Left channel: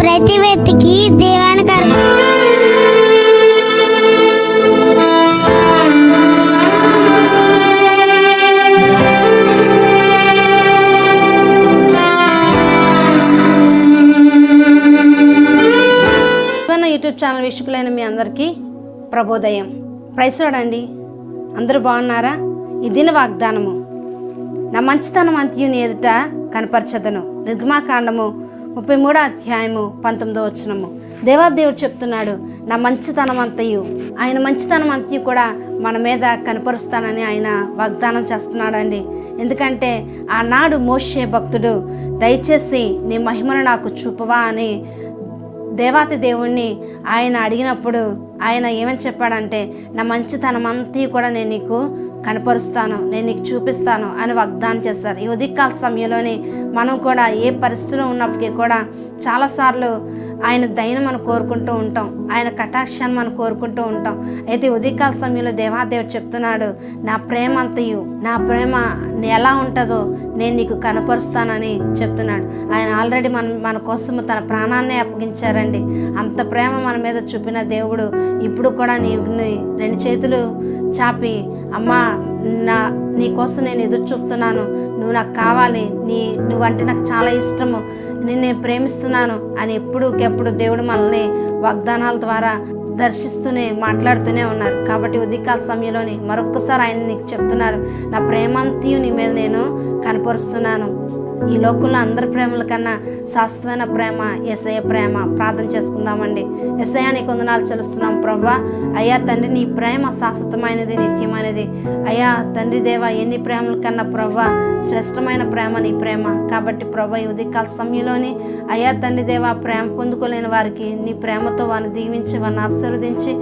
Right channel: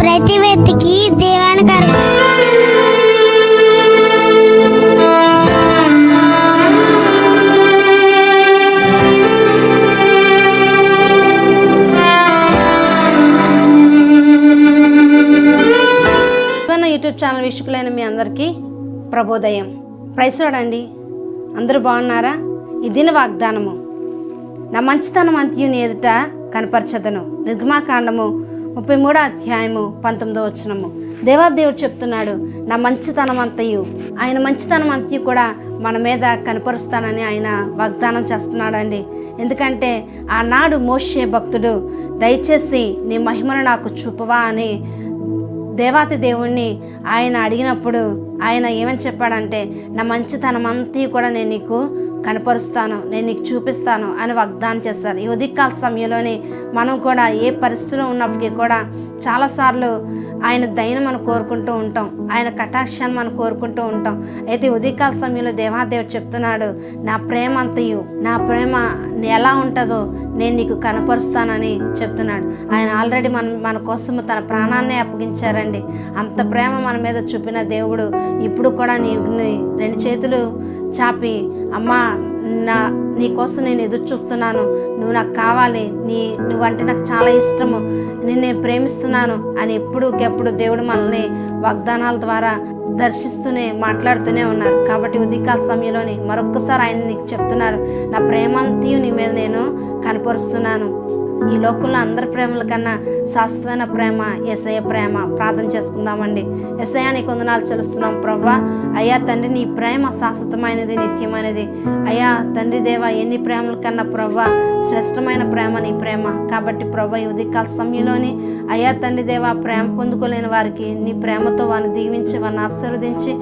ప్రతి వ్యక్తికి దేవానికి మన యూట్యూబ్ ఛానల్ వీక్షకులైన మీ అందరికీ ప్రభోదయం చూడండి. అందరూ బాగున్నారా? ఈ దిన వాగ్దానము నా మంచితనం అంత్యుని ఎదుట కనపరచదను. నిర్గమాకాండము ముప్పై మూడో అధ్యాయము పంతొమ్మిదో వచనము. దేవాదేవుడు చెప్తున్నాడు నా మంచితనం అంతయు ఆయన మంచితనం అంతయు కూడా మన మీద కనపరుస్తానని ఆయన వాగ్దానం చేస్తున్నాడండి. ఎందుకంటే ఆనాడు మోషే భక్తుడు దయచేసి నీ మహిమను నాకు చూపవా అని దేవాతి దేవుణ్ణి ఆయన అడిగినప్పుడు ఆయన ఏమని చెప్పాడంటే నా మంచితనం అంతా కూడా నేను నీకు కనపరుస్తాను నేను నీకు చూపిస్తాను అని వాగ్దానం చేస్తారు. ఈ ఉదిక్కాల సమయంలోనే మనం కూడా ఏ పరిస్థితిలో ఉన్నప్పటికీ కూడా చాలాసార్లు ఆయన దయను మనం కోరుకుంటూ ఉంటాం. ఆయన కటాక్షాన్ని మనం కోరుకుంటూ ఉంటాం. అయితే ఉదయకాల సమయంలో దేవాదేవుడు చెప్తున్నాడు నా ప్రేమ అంతయు. నా ప్రేమ ఎలా ఉంటుందో నేను నీకు కనపరుస్తానని చెప్తున్నాడు. ఆయన ఆల్రెడీ మన మన కోసం తన ప్రాణాన్నే అప్పగించారండి. అంత ప్రేమ మన మీద చూపిన దేవుడు ఇప్పుడు కూడా నీ రెండు చేతులు చాపి అమ్మా నా నీకోసం నేను ఎదురు చూస్తున్నాను. నువ్వు నాకు కావాలి నీ నువ్వంటే నాకు చాలా ఇష్టము నేను నేను ప్రేమిస్తున్నాను అని ఎప్పుడుకెప్పుడు దేవుడు మనల్ని వాగ్దానాల ద్వారా దర్శిస్తూనే మాట్లాడుతూనే ఉన్నారు. కాబట్టి ఉదయకాల సమయంలోని మరొక్కసారి ఆయన నీకు చెప్తున్నారు నా ప్రేమంతయు నీ మీద నేను కనపరుస్తున్నాను. ఈ లోకంలో అందరి ప్రేమల కన్నా శాశ్వతమైన ప్రేమ ఎసయ ప్రేమ ప్రార్థన చేసుకుందామండి. ఎసయ నీ కొందనాలు చెల్లిస్తున్నాం ప్రభా. అయ్యా తండ్రి నీ ప్రేమ శాశ్వతమైనది నిత్యమైనది. అయ్యా తండ్రి దేవ ఎన్ని ప్రేమల కన్నా ప్రవ్వా శ్రేష్టమైన ప్రేమ నీ ప్రేమ. కాబట్టి ప్రభా ఈ ఉదయకాల సమయంలోని అయ్యా తండ్రి దేవ ప్రేమ పొందుకోలేని వారికి నీ ప్రేమతో వారిని దీవించి వారిని ఆశీర్వదించి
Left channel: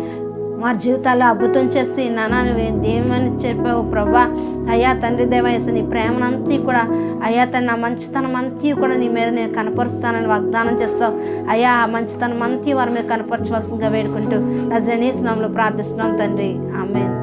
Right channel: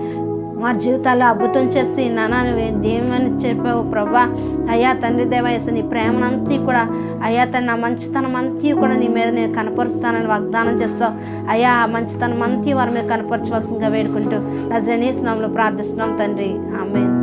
వారి జీవితాల్లో అద్భుతం చేసి నానా నువ్వేమని చెప్పావు ప్రభా. అయ్యా తండ్రి దేవాయస నీ ప్రేమనంతా కూడా అయ్యా తన నా మంచితనం అంతా కూడా నీ మీద నేను కనపరుస్తానని వాగ్దానం చేస్తావు. అయ్యా ఆ మంచితనం అంతా వారి మీద కనపరచవలసిందిగా వేడుకుంటూ నా జనీస్నాంలో ప్రార్థిస్తున్నాం తండ్రి. ఆమెన్.